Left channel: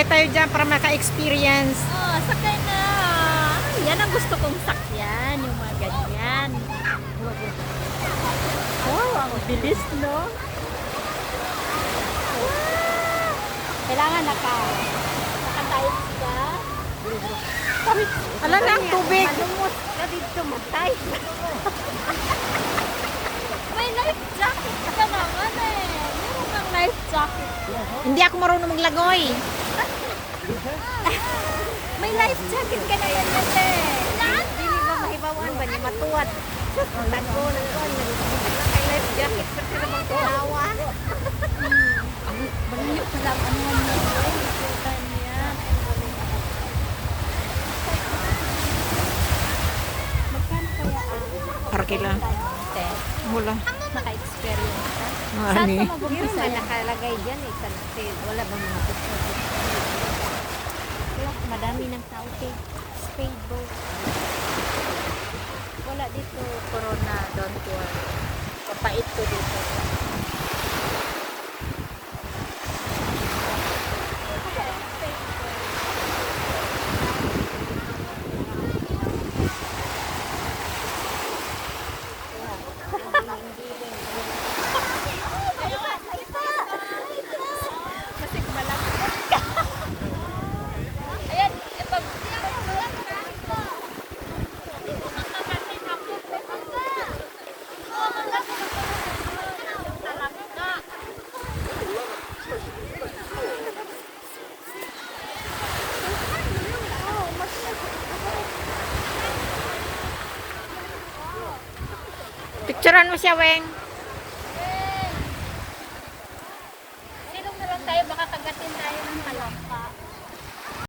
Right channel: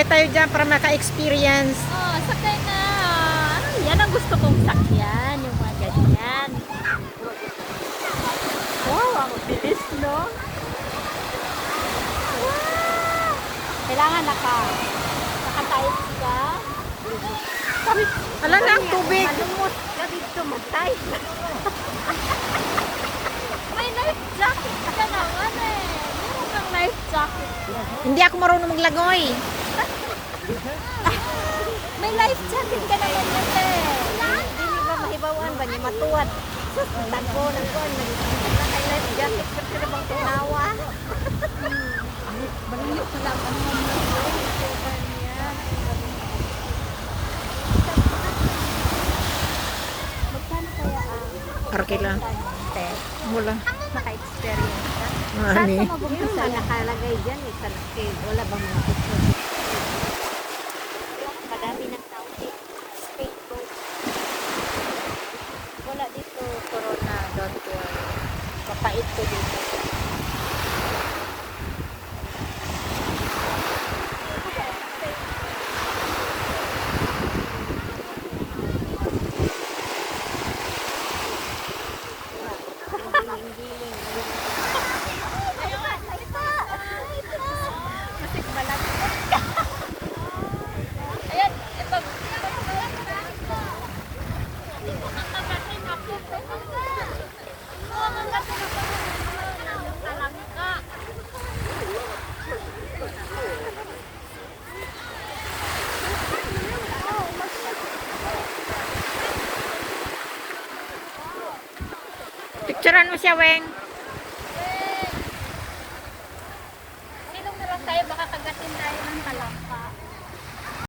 Sakay tayo dyan para maka-experience. Oh, sakay na. Yan ang gusto kong sakyan. Yung mga ganyan. Wow, ang bilis, no? Wow! Kailangan naka-tight ka. Ala na, ang tubig. Malumot ka dito, matay. May life jacket ka naman eh. Meron kang life jacket. Hindi ako marunong maglagoy. May life jacket ka naman yan eh. Hindi ba mahibawan ba niya matuwad? Tago ng kuwan. Nagsisit na kay life jacket. Pwede na bang tunawa? Balayo sa lang. Ano nga mo? Ay, ikutan niya. Magkano kaya ang Parke lang. test? Wala. Naka-experience ka? Ano Saan eh? ka mabubusa? Nakalagay dyan eh. Wala bang mga picture? Madami ng tao eh. Speed boat. Wala dito. Corona. Don't worry. Kapait ko dito. Picturean mo siya, Weng. Sinong naman tayo? Baka kagatin tayo ng kalam.